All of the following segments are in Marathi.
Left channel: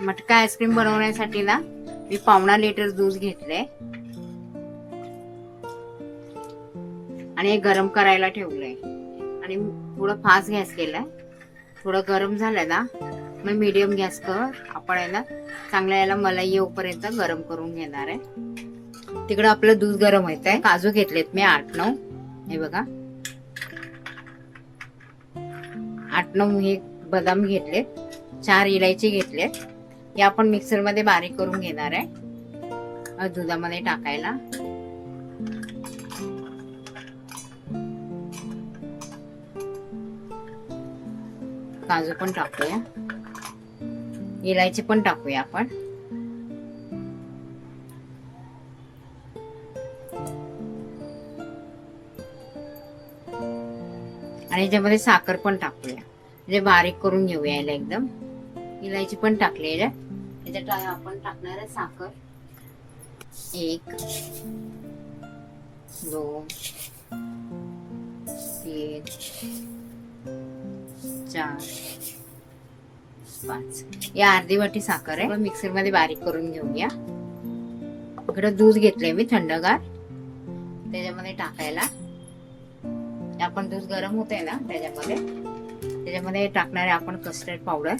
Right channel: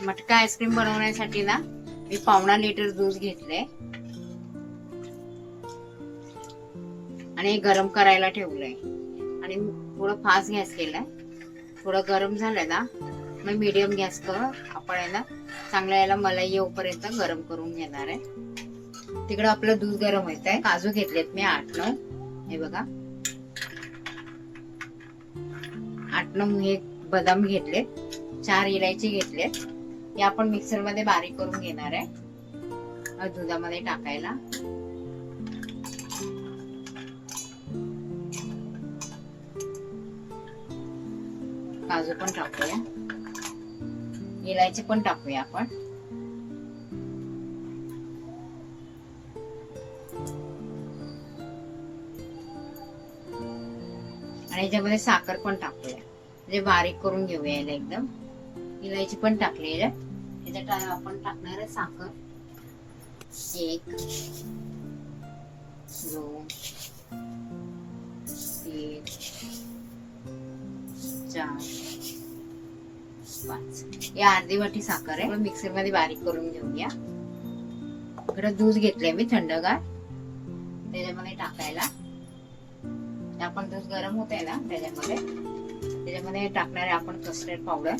मटका आईस्क्रीम बनवण्यासाठी ना मी पावणा लिटर दूध घेतलंय. आणि हे गरम करायला ठेवलंय. आणि थोडं फास्ट गॅस केलाय. थोडं गरम झालंय ना मग मिडियम गॅस कर. आपण आहे ना चांगल्या याला मलाई येऊपर्यंत गरम करून घेणार आहे. तिकडं आपलं दूध गरम होत आहे काजू घेतलेत मी आठ नऊ. हे बघा. आठ नऊ हे बदाम घेतले चार इलायची घेतले हे आपण मिक्सरमध्ये बारीक करून घेणार आहे. दुधामध्ये टाकायला. काजू पण टाकूया. इलायची पण टाकूया आपण. आणि याच्यामध्ये साखर पण टाकूया. म्हणजे बारीक करून घेऊया याला एकदम. इलायची पण टाकली आहे. याच्यात आ- आपण टाकणार आहे साखर. एक दोन तीन चार पाच. या अर्धी वाटी साखर आहे. मिक्सरमध्ये बारीक करून घेऊया. इकडं दूध घेतलंय मी थंडगार. त्याच्यामध्ये टाकायला. आपण दूध गरम होत आहे ना त्याच्यामध्ये. त्याच्यामध्ये टाकणार आहे आपण कस्टर्ड पावडर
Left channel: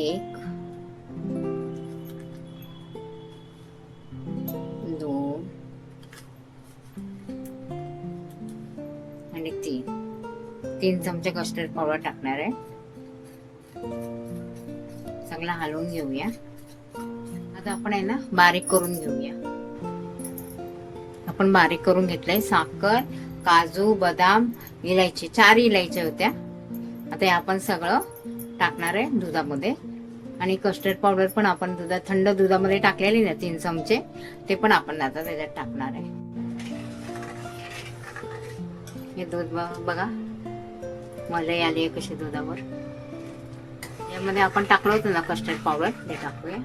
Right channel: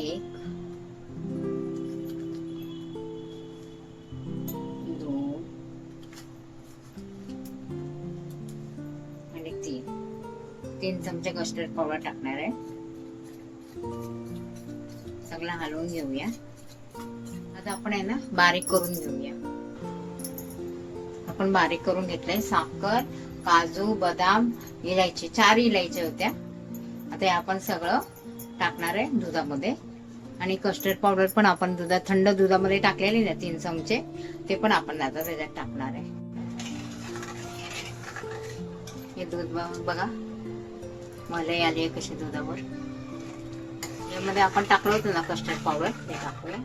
एक दोन आणि तीन. तीन चमचे कस्टर्ड पावडर टाकणार आहे. चांगला हलवून घेऊया. आता आपण आहे ना बारीक करून घेऊया. आपण बारीक करून घेतलंय साखर काजू बदाम इलायची चार इलायच्या होत्या. आता आपण सगळं टाकणार आहे दुधामध्ये. आणि कस्टर्ड पावडर पण आपण दुधात थंड दुधामध्ये टाकलेली ना तीन चमचे ते पण आपण आता त्याच्यात टाकणार आहे. हे दूध बघा. मलाई आली आहे कशी दुधावर. यामध्ये आपण टाकलं होतं ना कस्टर्ड पावडर ते टाकूया.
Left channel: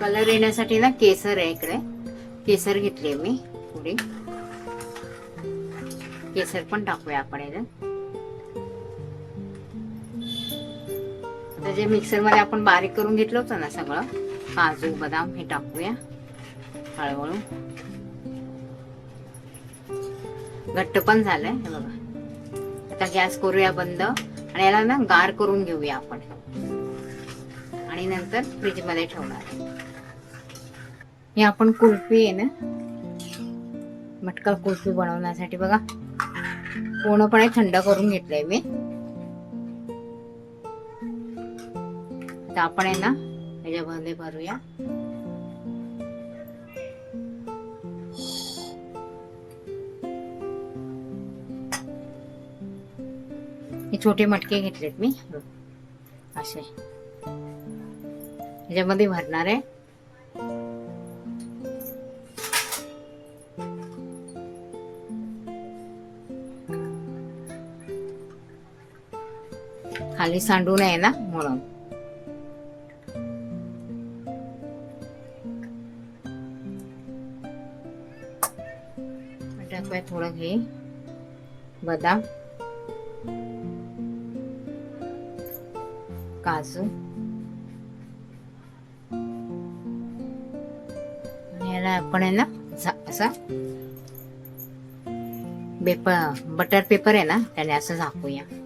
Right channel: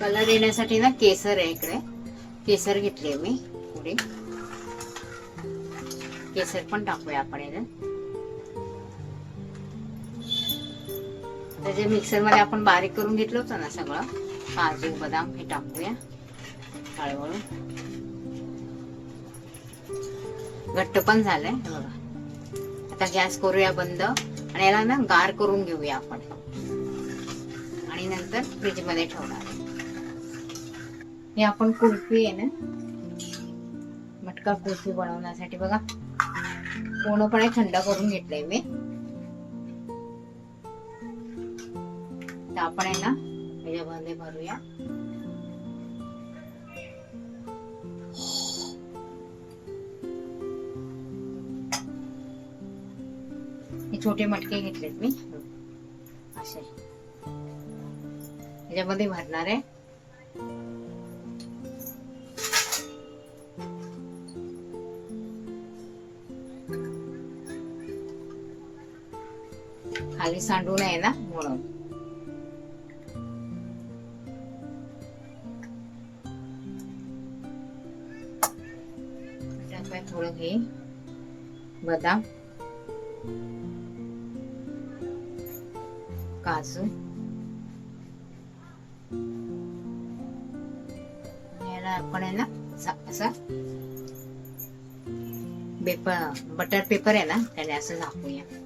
कलर येण्यासाठी ना केसर आहे इकडे. केसर घेतले मी थोडी केसर पण टाकूया आपण याच्यात तर जे मिक्सरमध्ये आपण बारीक करून घेतलं होतं ना सगळं काजू बदाम हे टाकूया हळूहळू. घट्ट पण झालंय हे बघा. आता गॅस करूया बंद आणि याला ना गार करून घेऊया आपण. आणि नंतर फ्रीजमध्ये ठेवणार. हे आपण कुल्फी आहे ना मटका कुल्फी बनवण्यासाठी बघा. पूर्णपणे थंड करून घेतलंय मी. तर आपण आहे ना याच्यामध्ये भरूया. हे छोटे मटके घेतलेत मी. असे. याच्यामध्ये भरणार आहे. खाली सांडू आहे ना म्हणून. टाकूया थोडं घे. बदाम काजू. याला आपण आहे ना झा- असा पेपर बटर पेपर आहे ना त्याला असं झाकूया.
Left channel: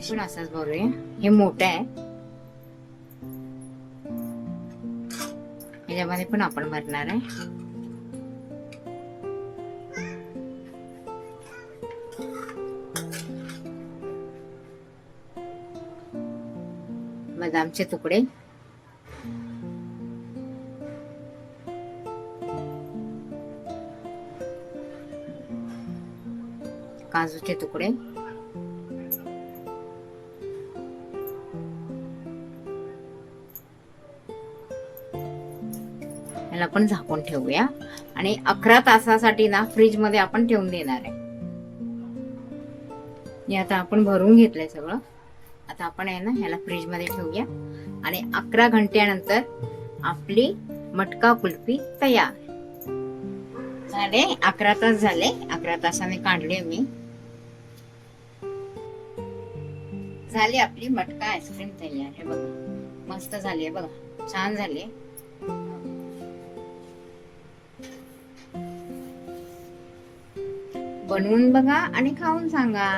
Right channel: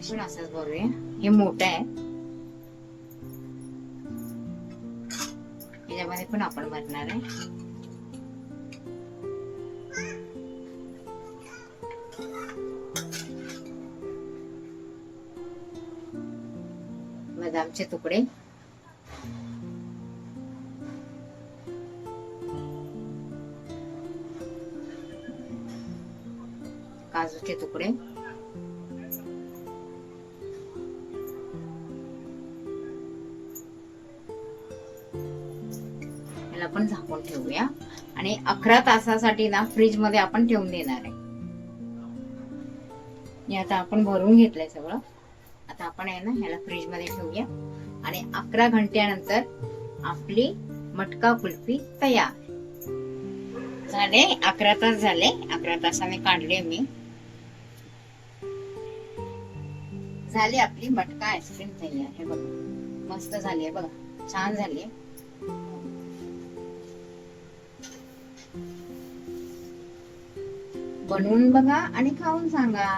पण असंच भरूया हे मोठं आहे. याच्यामध्ये पण आपण भरणार आहे. बदामचे तुकडे. काजूचे तुकडे. ह्याला पण झाकून ठेवूया. आणि अकरा तासासाठी ना फ्रीजमध्ये आपण ठेवून देणार आहे. हे आता आपण भरून घेतलंय सगळं. आता आपण आहे ना ह्याला फ्रीजमध्ये ठेवूया. आणि अकरा घंट्यानंतर आपली मटका कुल्फी तयार. झाले? अकरा तास झाले. अकरा तासाने काढले मी. झाली आपली मटका आईस्क्रीम तयार. आहे बघा. मस्त झाली आहे बघा. छान झाली बनवून बघा आणि खाऊन सांगा.